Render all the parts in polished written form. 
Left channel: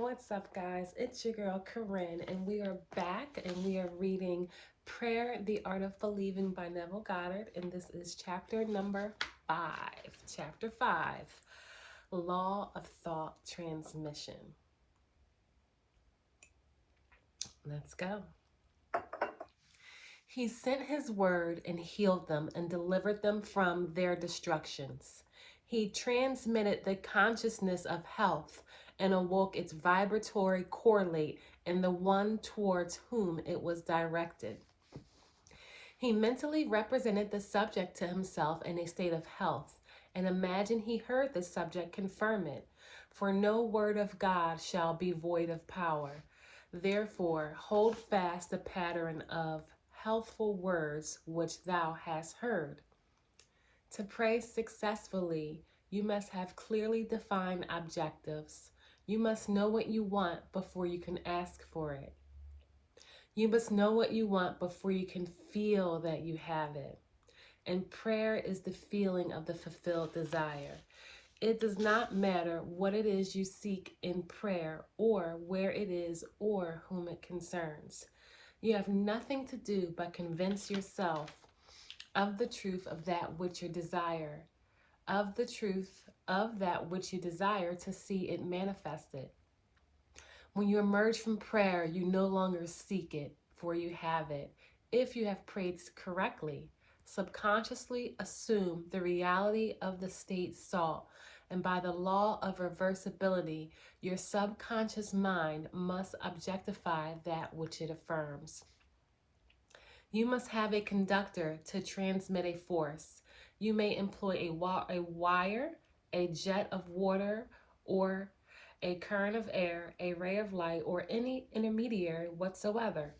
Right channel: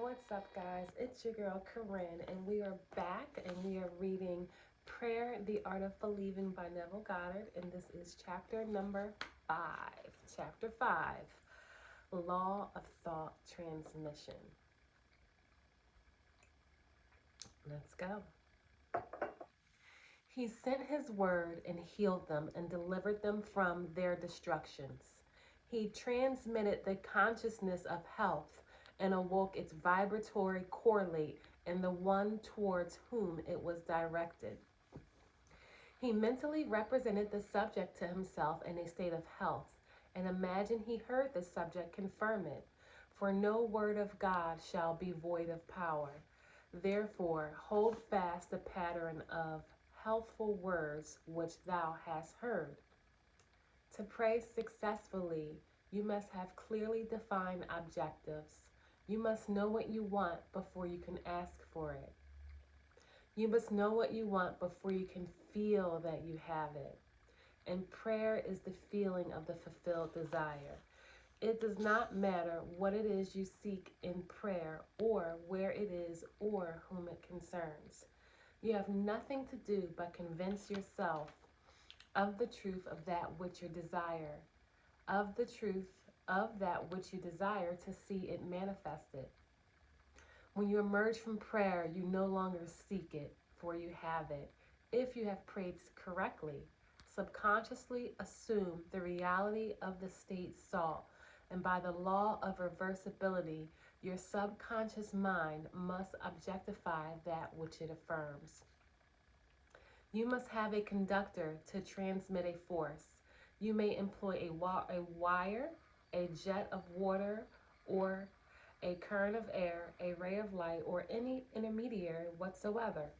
What's up, guys? It's your girl Corinne, and we are back and we are reading Prayer, the Art of Believing by Neville Goddard, and this is chapter number 5. Chapter 5, Law of Thought Transmission. Let's go. He sent his word and healed them and delivered them from their destructions. He transmitted the consciousness of health and awoke its vibratory correlate in the one towards whom it was directed. He mentally represented the subject to himself in a state of health and imagined he heard the subject confirm it. For no word of God shall be void of power. Therefore, hold fast the pattern of healthful words which thou hast heard. To pray successfully, you must have clearly defined objectives. You must know what you want before you can ask for it. You must know what you want before you can feel that you have it. And prayer is the feeling of the fulfilled desire. It does not matter what it is you seek in prayer or where it is or whom it concerns. You have nothing to do but convince yourself of the truth of that which you desire, of the truth of that which you desire to see it manifested. When you emerge from prayer, you no longer seek it, for you have it. If you have prayed correctly, subconsciously assume the reality of the state sought, and by the law of reversibility, your subconscious mind must objectify that which it affirms. You must have a conductor to transmit a force. You may employ a wire, a jet of water, or a current of air, a ray of light, or any intermediary whatsoever.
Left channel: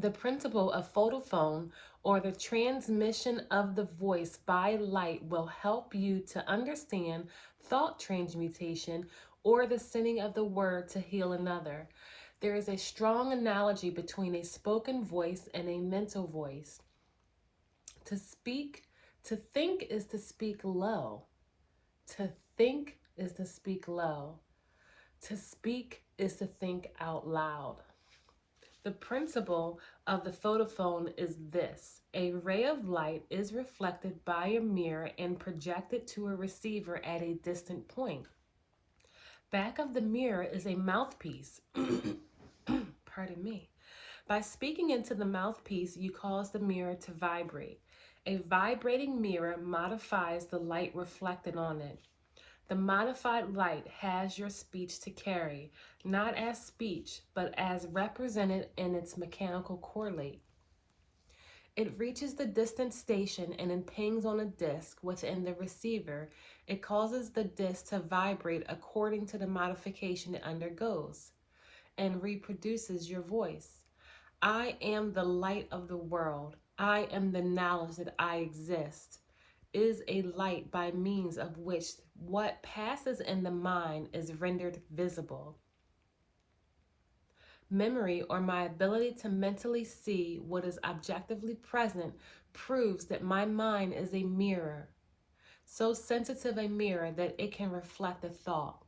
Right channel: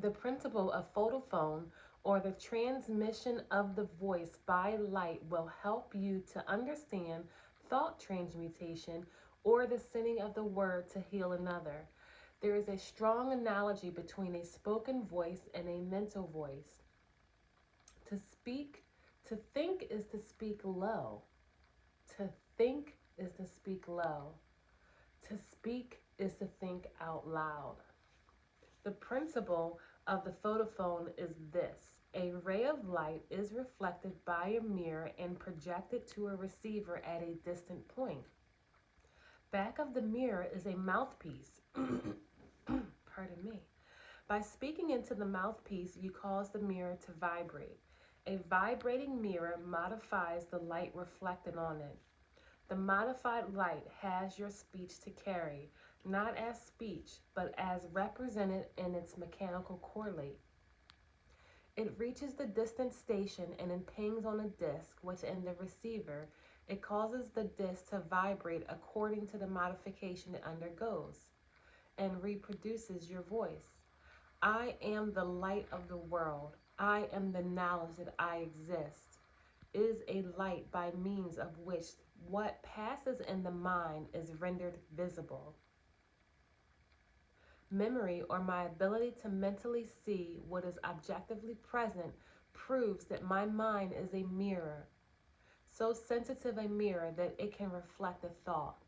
The principle of photophone, or the transmission of the voice by light, will help you to understand thought transmutation or the sending of the word to heal another. There is a strong analogy between a spoken voice and a mental voice. To think is to speak low. To think is to speak low. To speak is to think out loud. The principle of the photophone is this. A ray of light is reflected by a mirror and projected to a receiver at a distant point. Back of the mirror is a mouthpiece. Pardon me. By speaking into the mouthpiece, you cause the mirror to vibrate. A vibrating mirror modifies the light reflected on it. The modified light has your speech to carry, not as speech, but as represented in its mechanical correlate. It reaches the distant station and it pings on a disc within the receiver. It causes the disc to vibrate according to the modification it undergoes and reproduces your voice. I am the light of the world. I am the knowledge that I exist. Is a light by means of which what passes in the mind is rendered visible. Memory, or my ability to mentally see what is objectively present, proves that my mind is a mirror, so sensitive a mirror that it can reflect a thought.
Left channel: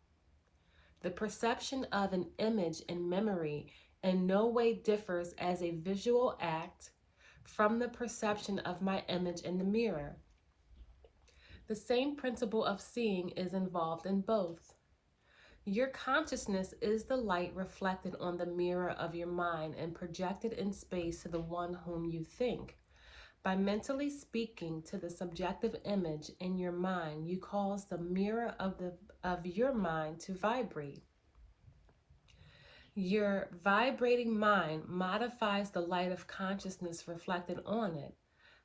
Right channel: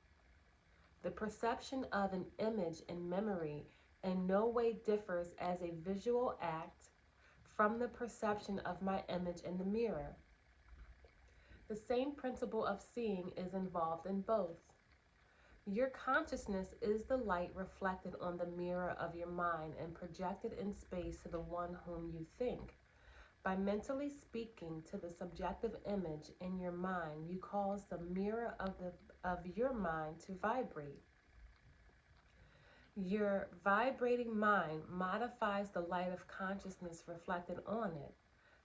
The perception of an image in memory in no way differs as a visual act from the perception of my image in the mirror. The same principle of seeing is involved in both. Your consciousness is the light reflected on the mirror of your mind and projected in space to the one whom you think. By mentally speaking to the subjective image in your mind, you cause the mirror of your mind to vibrate. Your vibrating mind modifies the light of consciousness reflected on it.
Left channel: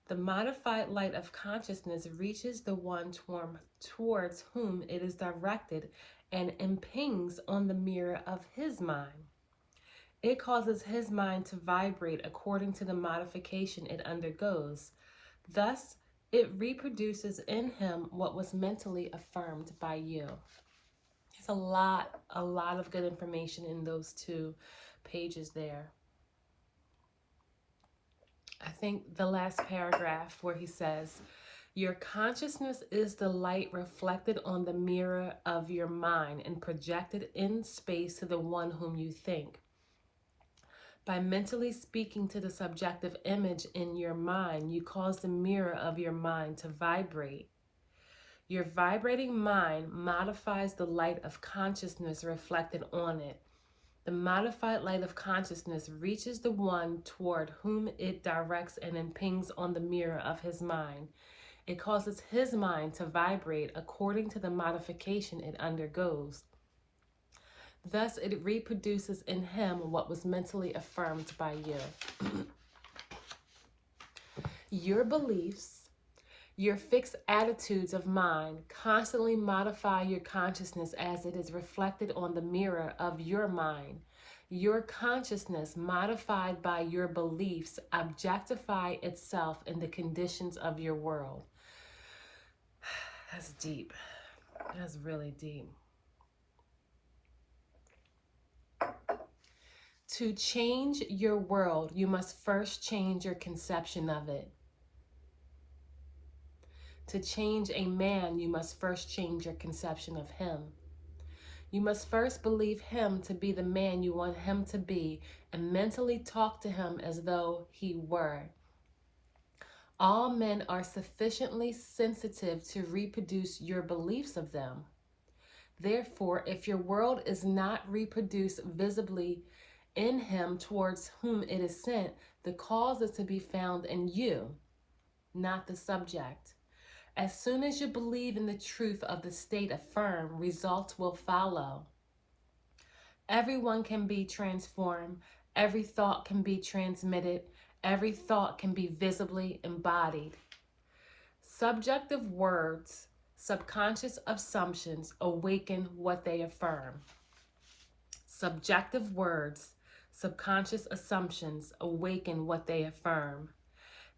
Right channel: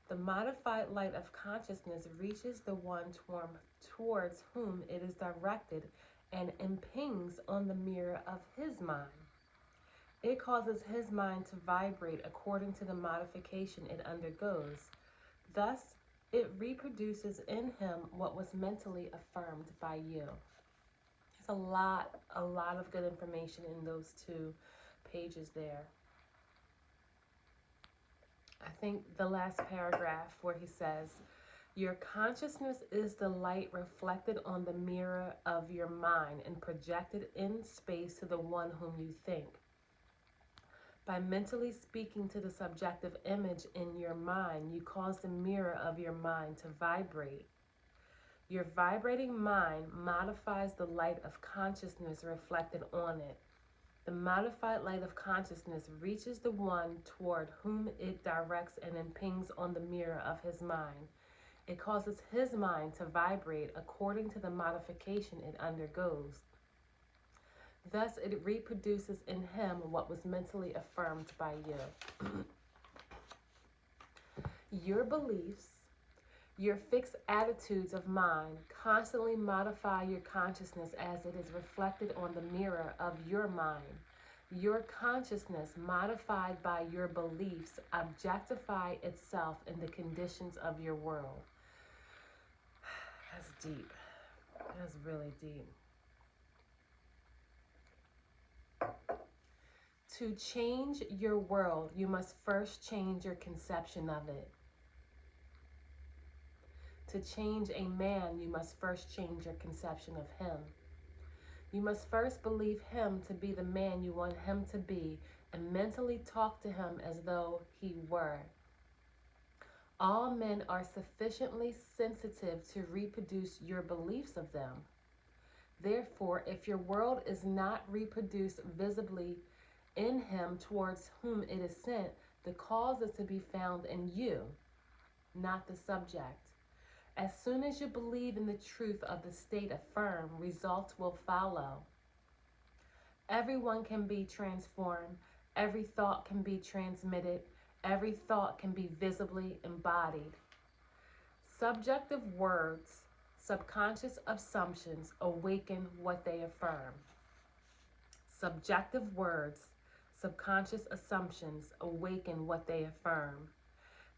The modified light of consciousness reaches the one towards whom it is directed and impinges on the mirror of his mind. It causes his mind to vibrate according to the modification it undergoes. Thus, it reproduces in him what was mentally affirmed by you. There's a lot of good information in those 2 pages there. I think the last paragraph where he says, Your consciousness is the light reflected on the mirror of your mind and projected in space to the one whom you think. By mentally speaking to the subjective image in your mind, you cause the mirror of your mind to vibrate. Your vibrating mind modifies the light of consciousness reflected on it. The modified light of consciousness reaches the one toward whom it directs and impinges on the mirror of his mind. It causes his mind to vibrate according to the modification it undergoes. Thus, it reproduces in him what was mentally affirmed by you. Your beliefs, your fixed attitudes of mind constantly modify your consciousness as it is reflected on the mirror of your mind. Your consciousness, modified by your beliefs, objectify itself in the conditions of your world. That's deep. That's really deep. To change your world, you must first change your conception of it. To change a man, you must first change your conception of him. You must first believe him to be the man you want him to be and mentally talk to him as though he were. All men are sufficiently sensitive to reproduce your beliefs of them. Therefore, if your world is not reproduced visibly in him towards whom it is sent, the cause is to be found in you, not the subject. As soon as you believe in the truth of the state affirmed, results will follow. Everyone can be transformed. Every thought can be transmitted. Every thought can be visibly embodied. Subjective words, subconscious assumptions awaken what they affirm. Subjective words, subconscious assumptions awaken what they affirm.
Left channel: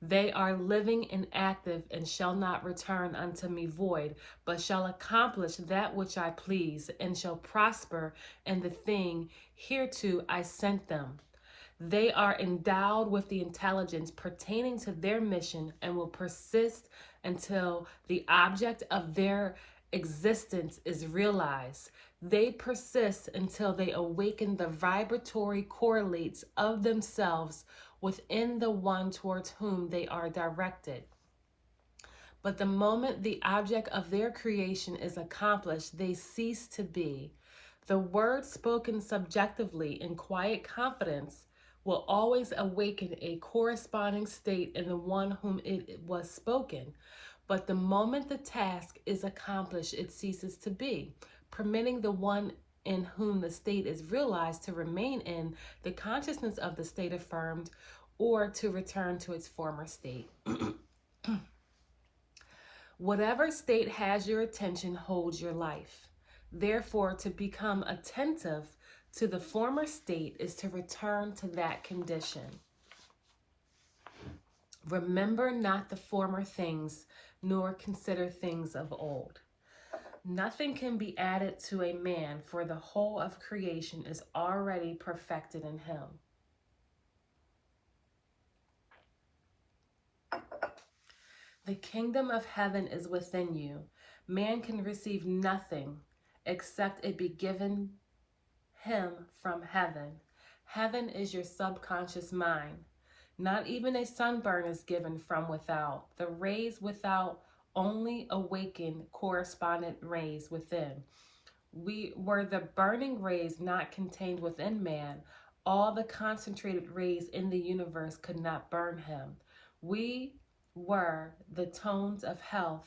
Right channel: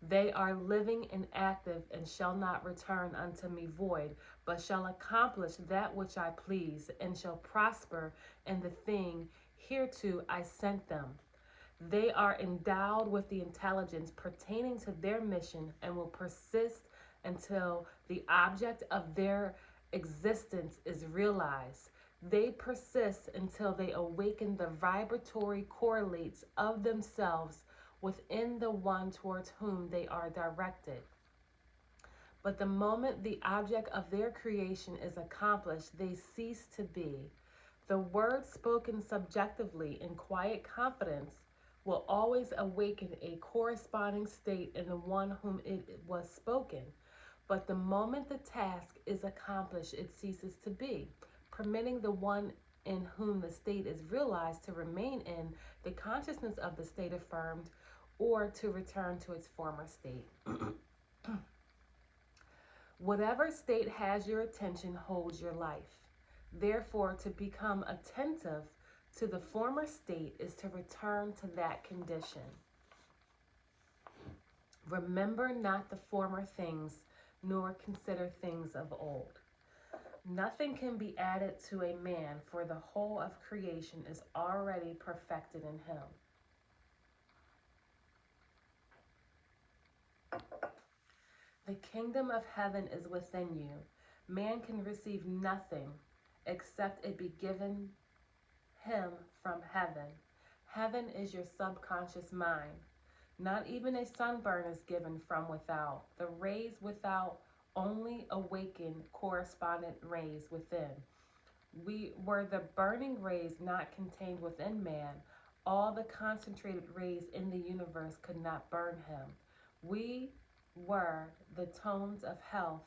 They are living and active and shall not return unto me void, but shall accomplish that which I please and shall prosper in the thing hereto I sent them. They are endowed with the intelligence pertaining to their mission and will persist until the object of their existence is realized. They persist until they awaken the vibratory correlates of themselves within the one towards whom they are directed. But the moment the object of their creation is accomplished, they cease to be. The word spoken subjectively in quiet confidence will always awaken a corresponding state in the one whom it was spoken. But the moment the task is accomplished, it ceases to be, permitting the one in whom the state is realized to remain in the consciousness of the state affirmed or to return to its former state. Whatever state has your attention holds your life. Therefore, to become attentive to the former state is to return to that condition. Remember not the former things, nor consider things of old. Nothing can be added to a man, for the whole of creation is already perfected in him. The kingdom of heaven is within you. Man can receive nothing except it be given him from heaven. Heaven is your subconscious mind. Not even a sunburn is given from without. The rays without only awaken correspondent rays within. Were the burning rays not contained within man, all the concentrated rays in the universe could not burn him. We were the tones of health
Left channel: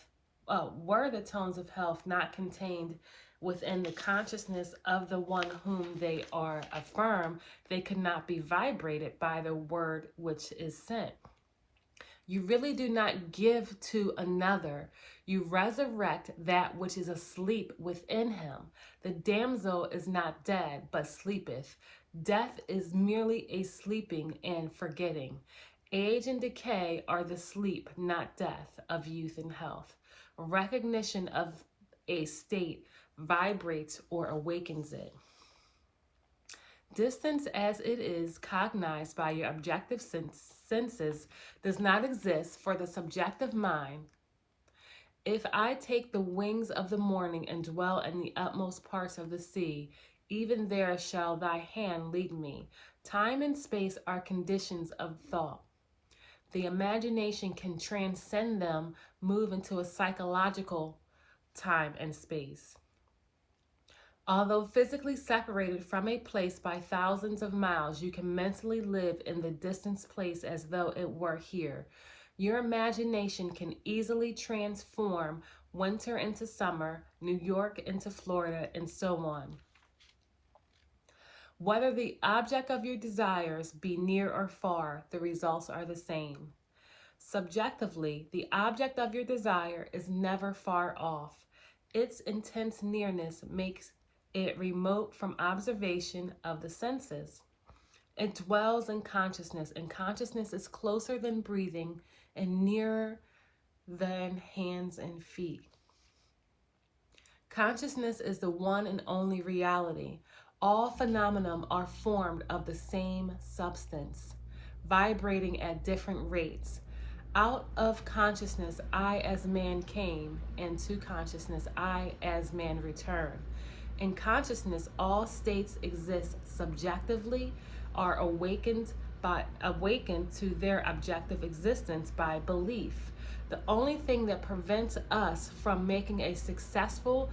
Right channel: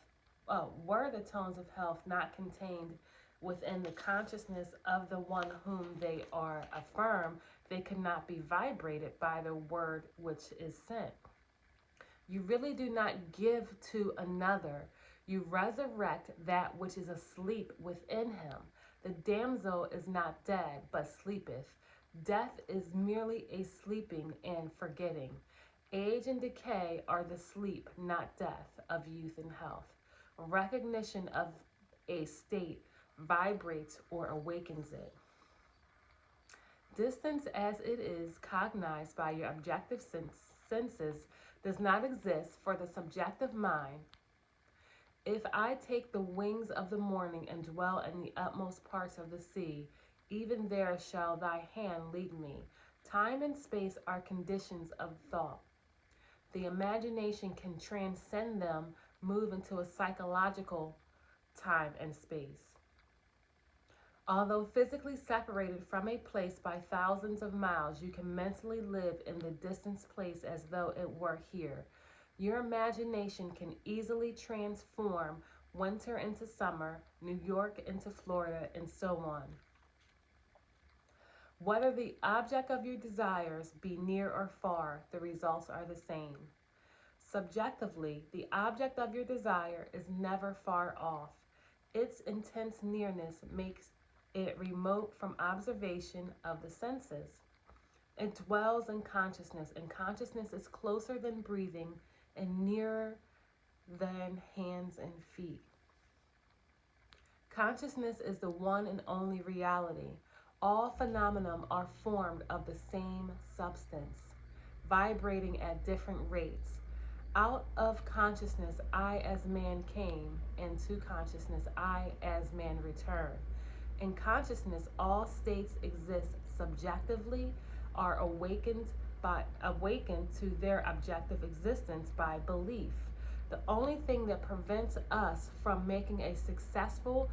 not contained within the consciousness of the one whom they are affirmed, they could not be vibrated by the word which is sent. You really do not give to another. You resurrect that which is asleep within him. The damsel is not dead, but sleepeth. Death is merely a sleeping and forgetting. Age and decay are the sleep, not death, of youth and health. Recognition of a state vibrates or awakens it. Distance as it is cognized by your objective senses does not exist for the subjective mind. If I take the wings of the morning and dwell in the utmost parts of the sea, even there shall thy hand lead me. Time and space are conditions of thought. The imagination can transcend them, move into a psychological time and space. Although physically separated from a place by thousands of miles, you can mentally live in the distant place as though it were here. Your imagination can easily transform winter into summer, New York into Florida, and so on. Whether the object of your desires be near or far, the results are the same. Subjectively, the object of your desire is never far off. Its intense nearness makes it remote from observation of the senses. It dwells in consciousness, and consciousness is closer than breathing and nearer than hands and feet. Consciousness is the one and only reality. All phenomena are formed of the same substance, vibrating at different rates. Out of consciousness I as man came, and to consciousness I as man return. In consciousness all states exist subjectively, are awakened to their objective existence by belief. The only thing that prevents us from making a successful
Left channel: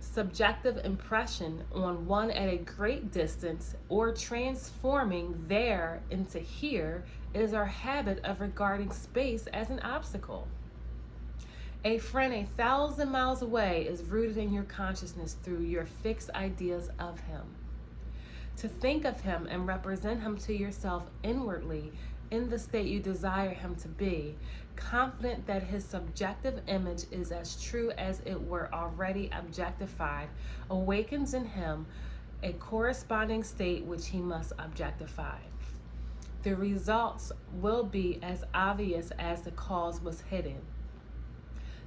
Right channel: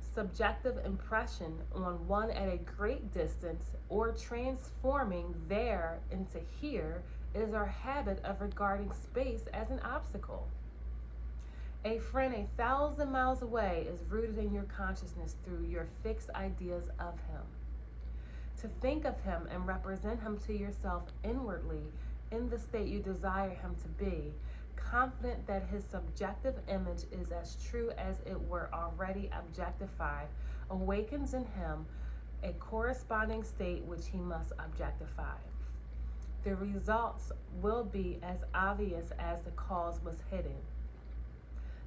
subjective impression on one at a great distance or transforming there into here is our habit of regarding space as an obstacle. A friend 1,000 miles away is rooted in your consciousness through your fixed ideas of him. To think of him and represent him to yourself inwardly in the state you desire him to be, confident that his subjective image is as true as it were already objectified, awakens in him a corresponding state which he must objectify. The results will be as obvious as the cause was hidden.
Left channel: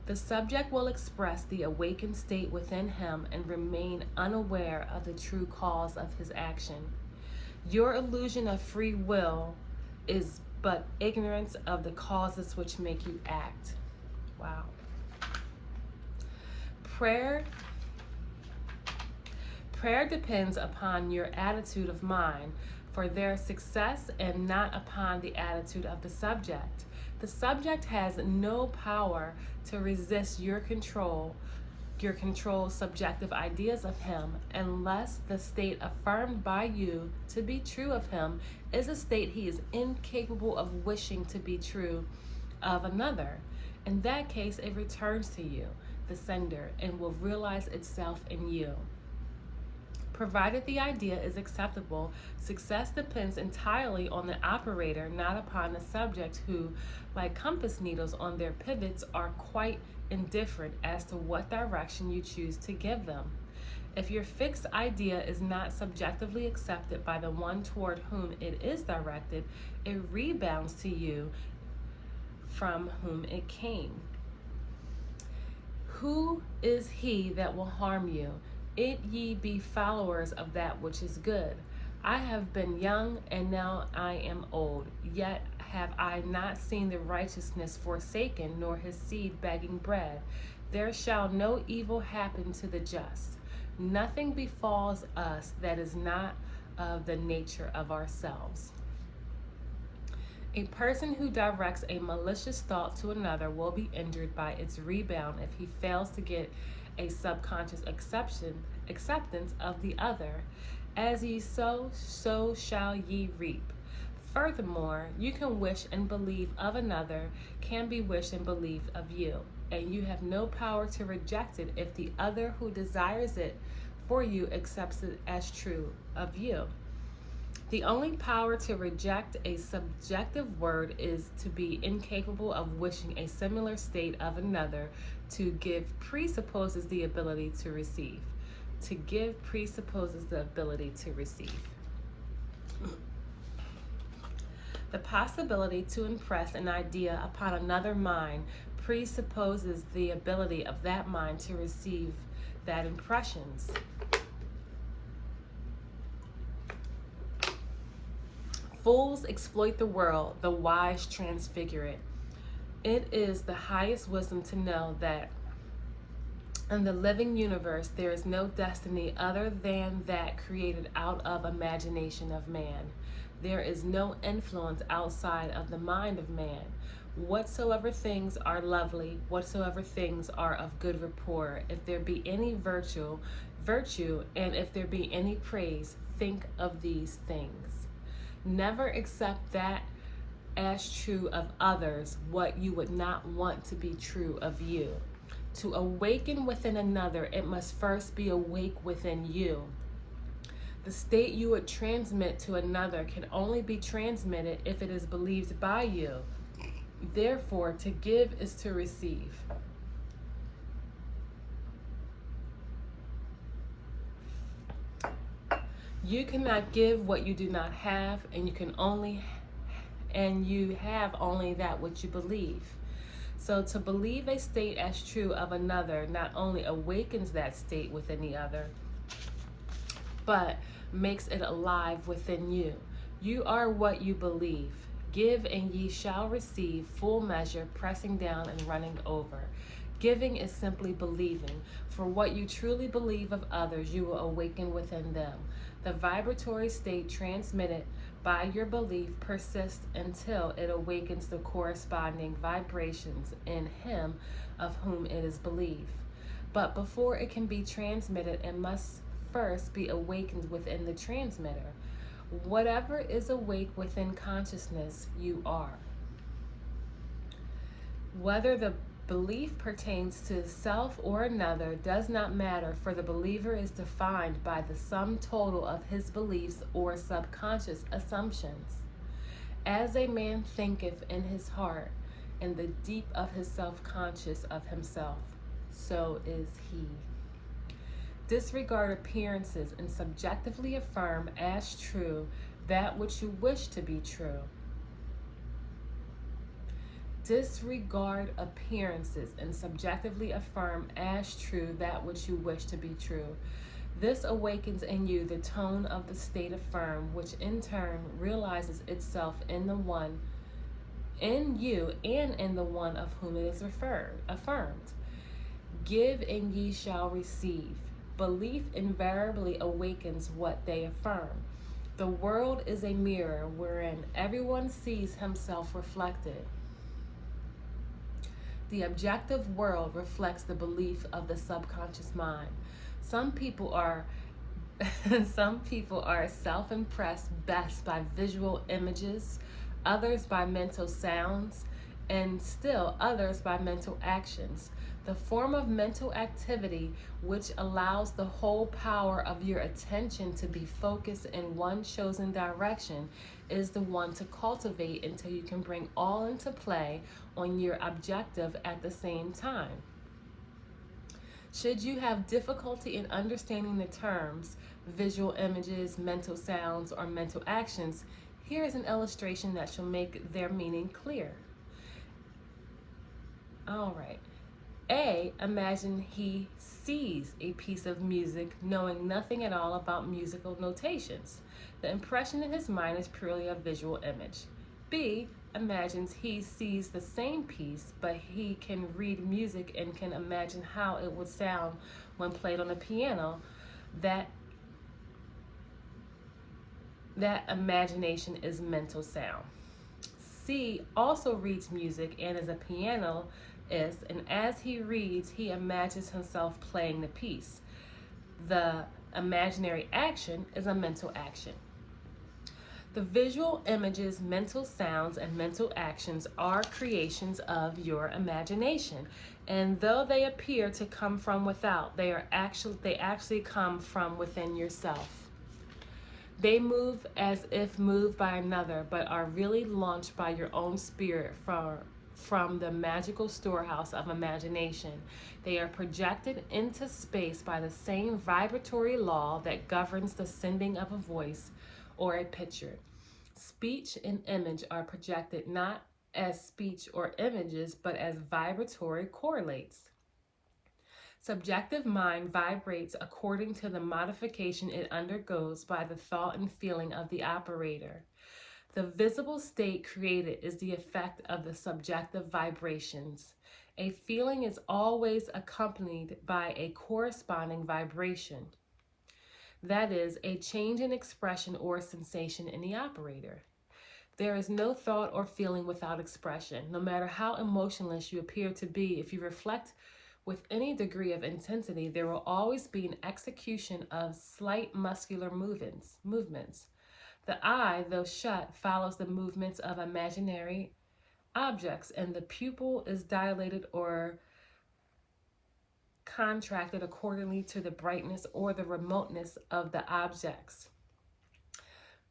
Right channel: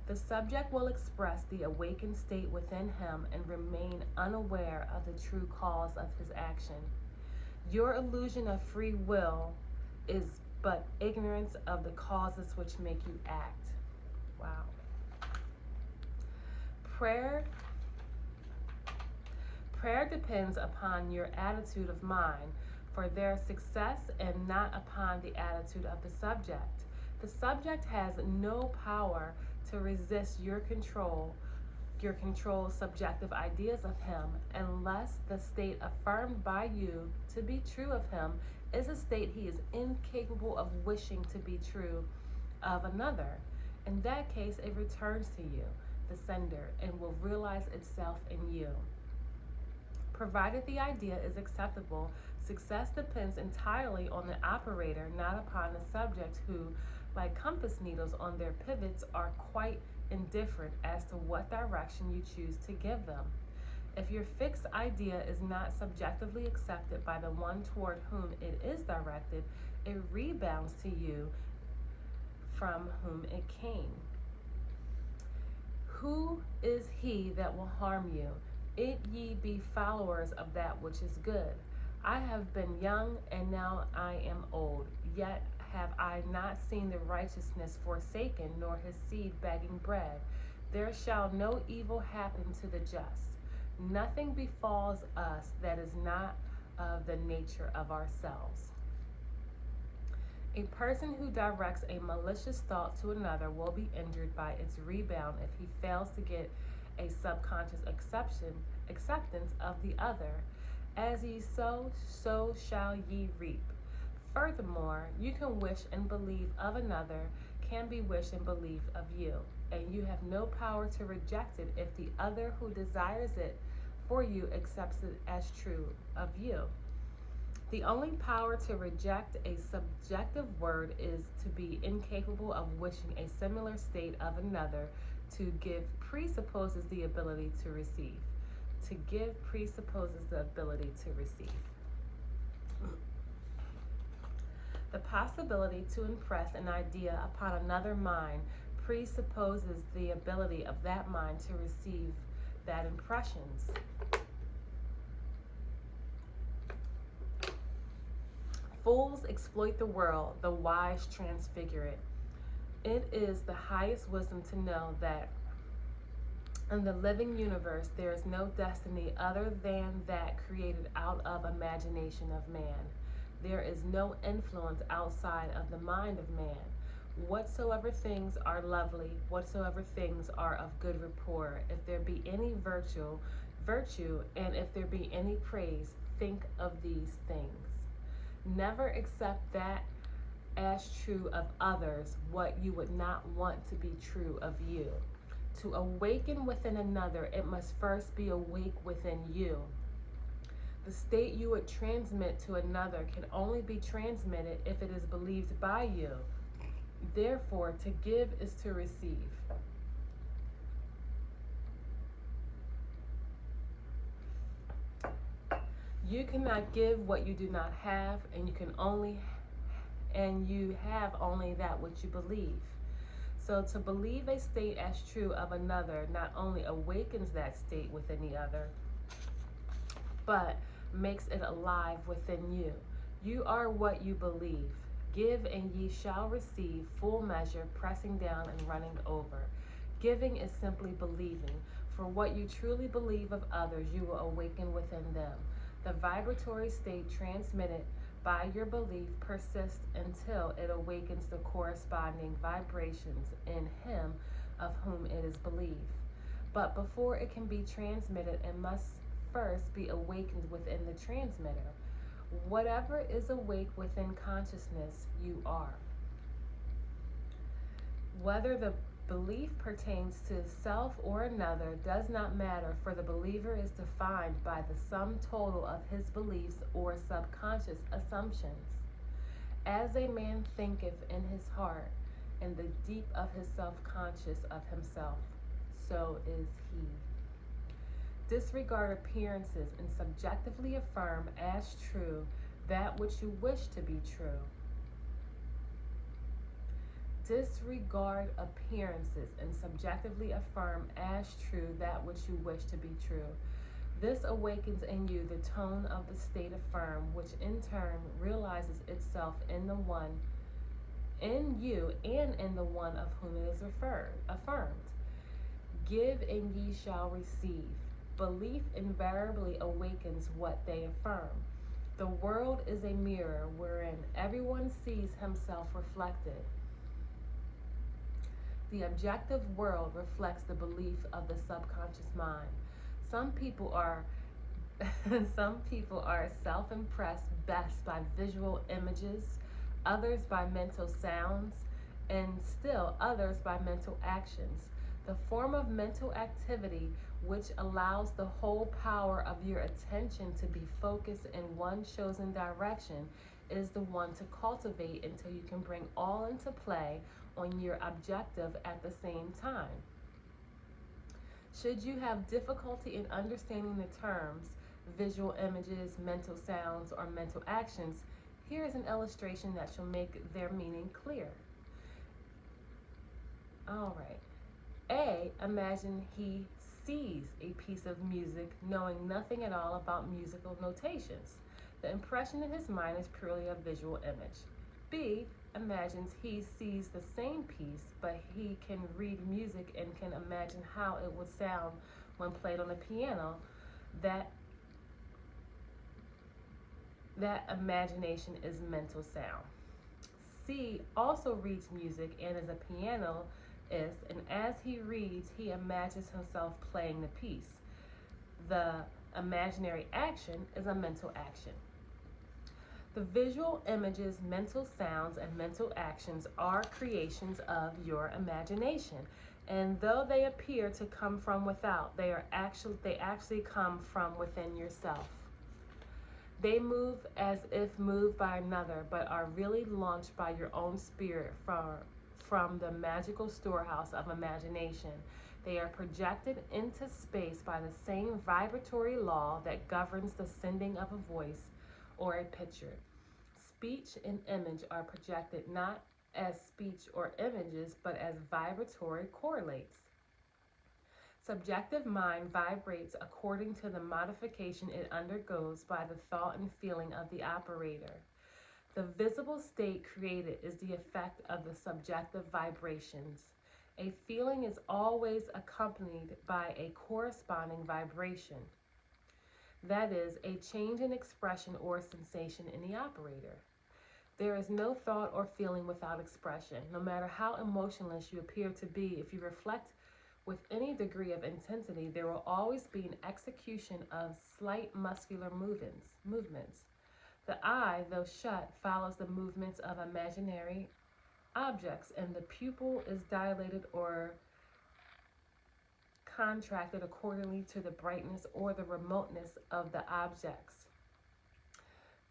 The subject will express the awakened state within him and remain unaware of the true cause of his action. Your illusion of free will is but ignorance of the causes which make you act. Wow. Prayer depends upon your attitude of mind for their success and not upon the attitude of the subject. The subject has no power to resist your control subjective ideas of him, unless the state affirmed by you to be true of him is a state he is incapable of wishing to be true of another. In that case, it returns to you, the sender, and will realize itself in you. Provided the idea is acceptable, success depends entirely on the operator, not upon the subject who, like compass needles on their pivots, are quite indifferent as to what direction you choose to give them. If your fixed idea is not subjectively accepted by the one toward whom it is directed, it rebounds to you from whom it came. Who is he that will harm you? If ye be followers of that which is good. I have been young, and now I am old, yet have I not seen the righteousness forsaken, nor his seed begging bread. There shall no evil happen to the just. Nothing befalls us that is not of the nature of ourselves. A person who directs a malicious thought to another will be injured by its rebound if he fails to get a subconscious acceptance of the other. As ye sow, so shall ye reap. Furthermore, you can wish and believe of another, can be wished and believed of you, and you have no power to reject it if the other who desires it for you accepts it as true of you. The only power to reject a subjective word is to be incapable of wishing a similar state of another. To give presupposes the ability to receive. To give presupposes the ability to receive. The possibility to impress an idea upon another mind presupposes the ability of that mind to receive that impressions. Fools exploit the world, the wise transfigure it. It is the highest wisdom to know that in the living universe there is no destiny other than that created out of imagination of man. There is no influence outside of the mind of man. Whatsoever things are lovely, whatsoever things are of good rapport, if there be any virtue, and if there be any praise, think of these things. Never accept that as true of others what you would not want to be true of you. To awaken within another, it must first be awake within you. The state you would transmit to another can only be transmitted if it is believed by you. Therefore, to give is to receive. You cannot give what you do not have, and you have only that which you believe. So to believe a state as true of another not only awakens that state within the other, but makes it alive within you. You are what you believe. Give and ye shall receive, full measure, pressing down and running over. Giving is simply believing. For what you truly believe of others, you will awaken within them. The vibratory state transmitted by your belief persists until it awakens the corresponding vibrations in him of whom it is believed. But before it can be transmitted, it must first be awakened within the transmitter. Whatever is awake within consciousness, you are. Whether the belief pertains to self or another does not matter, for the believer is defined by the sum total of his beliefs or subconscious assumptions. As a man thinketh in his heart, in the deep of his self-conscious of himself, so is he. Disregard appearances and subjectively affirm as true that which you wish to be true. Disregard appearances and subjectively affirm as true that which you wish to be true. This awakens in you the tone of the state affirmed, which in turn realizes itself in the one, in you, and in the one of whom it is affirmed. Give and ye shall receive. Belief invariably awakens what they affirm. The world is a mirror wherein everyone sees himself reflected. The objective world reflects the belief of the subconscious mind. Some people are self-impressed best by visual images, others by mental sounds, and still others by mental actions. The form of mental activity which allows the whole power of your attention to be focused in one chosen direction is the one to cultivate until you can bring all into play on your objective at the same time. Should you have difficulty in understanding the terms visual images, mental sounds, or mental actions, here is an illustration that shall make their meaning clear. All right. A, imagine he sees a piece of music knowing nothing at all about musical notations. The impression in his mind is purely a visual image. B, imagines he sees the same piece, but he can read music and can imagine how it would sound when played on a piano. That imagination is mental sound. C also reads music and is a pianist, and as he reads, he imagines himself playing the piece. The imaginary action is a mental action. The visual images, mental sounds, and mental actions are creations of your imagination. And though they appear to come from without, they actually come from within yourself. They move as if moved by another, but are really launched by your own spirit from the magical storehouse of imagination. They are projected into space by the same vibratory law that governs the sending of a voice or a picture. Speech and image are projected not as speech or images, but as vibratory correlates. Subjective mind vibrates according to the modification it undergoes by the thought and feeling of the operator. The visible state created is the effect of the subjective vibrations. A feeling is always accompanied by a corresponding vibration. That is, a change in expression or sensation in the operator. There is no thought or feeling without expression. No matter how emotionless you appear to be, if you reflect with any degree of intensity, there will always be an execution of slight muscular movements. The eye, though shut, follows the movements of imaginary objects, and the pupil is dilated or contracted accordingly to the brightness or the remoteness of the objects.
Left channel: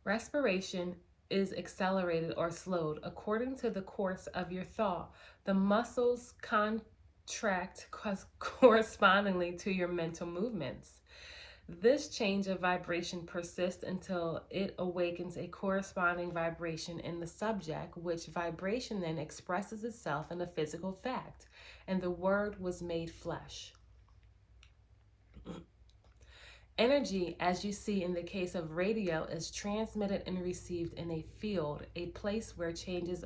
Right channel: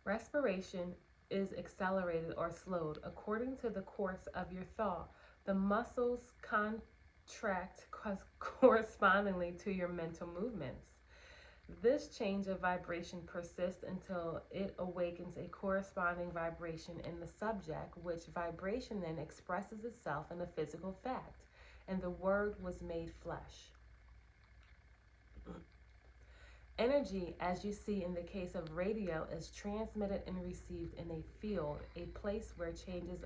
Respiration is accelerated or slowed according to the course of your thought. The muscles contract correspondingly to your mental movements. This change of vibration persists until it awakens a corresponding vibration in the subject, which vibration then expresses itself in a physical fact, and the Word was made flesh. Energy, as you see in the case of radio, is transmitted and received in a field, a place where changes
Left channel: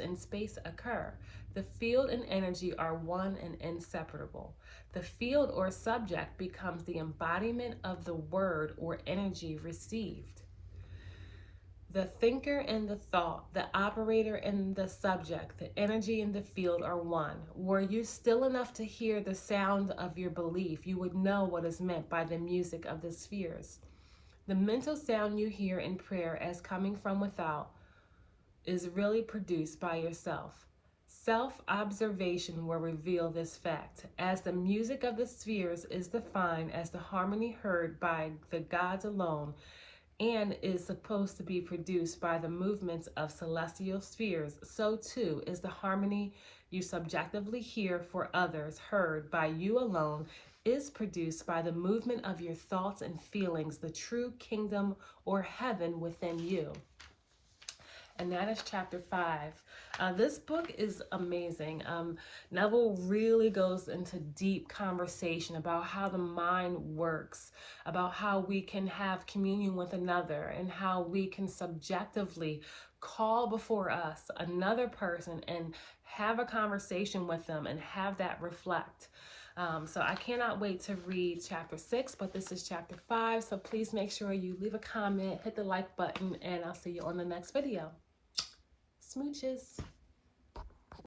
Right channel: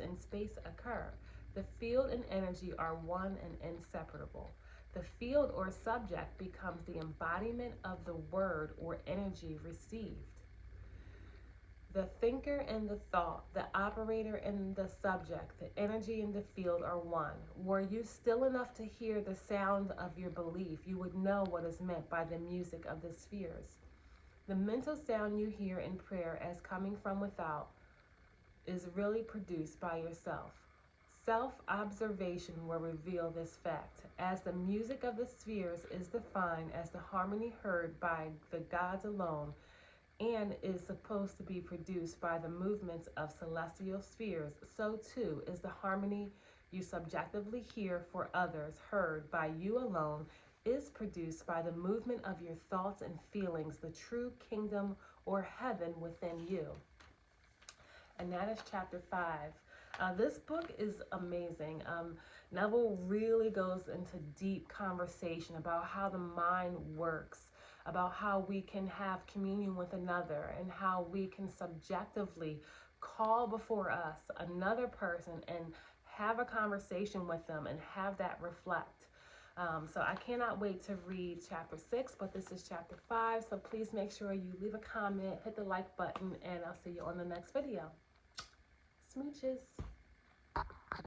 in space occur. The field and energy are one and inseparable. The field or subject becomes the embodiment of the word or energy received. The thinker and the thought, the operator and the subject, the energy and the field are one. Were you still enough to hear the sound of your belief, you would know what is meant by the music of the spheres. The mental sound you hear in prayer as coming from without is really produced by yourself. Self-observation will reveal this fact, as the music of the spheres is defined as the harmony heard by the gods alone, and is supposed to be produced by the movements of celestial spheres, so too is the harmony you subjectively hear for others heard by you alone is produced by the movement of your thoughts and feelings, the true kingdom or heaven within you. And that is chapter 5. This book is amazing. Neville really goes into deep conversation about how the mind works, about how we can have communion with another, and how we can subjectively call before us another person and have a conversation with them and have that reflect. So I cannot wait to read chapter 6, but this is chapter 5. So please make sure you leave a comment, hit the like button, and I'll see you on the next video. Smooches.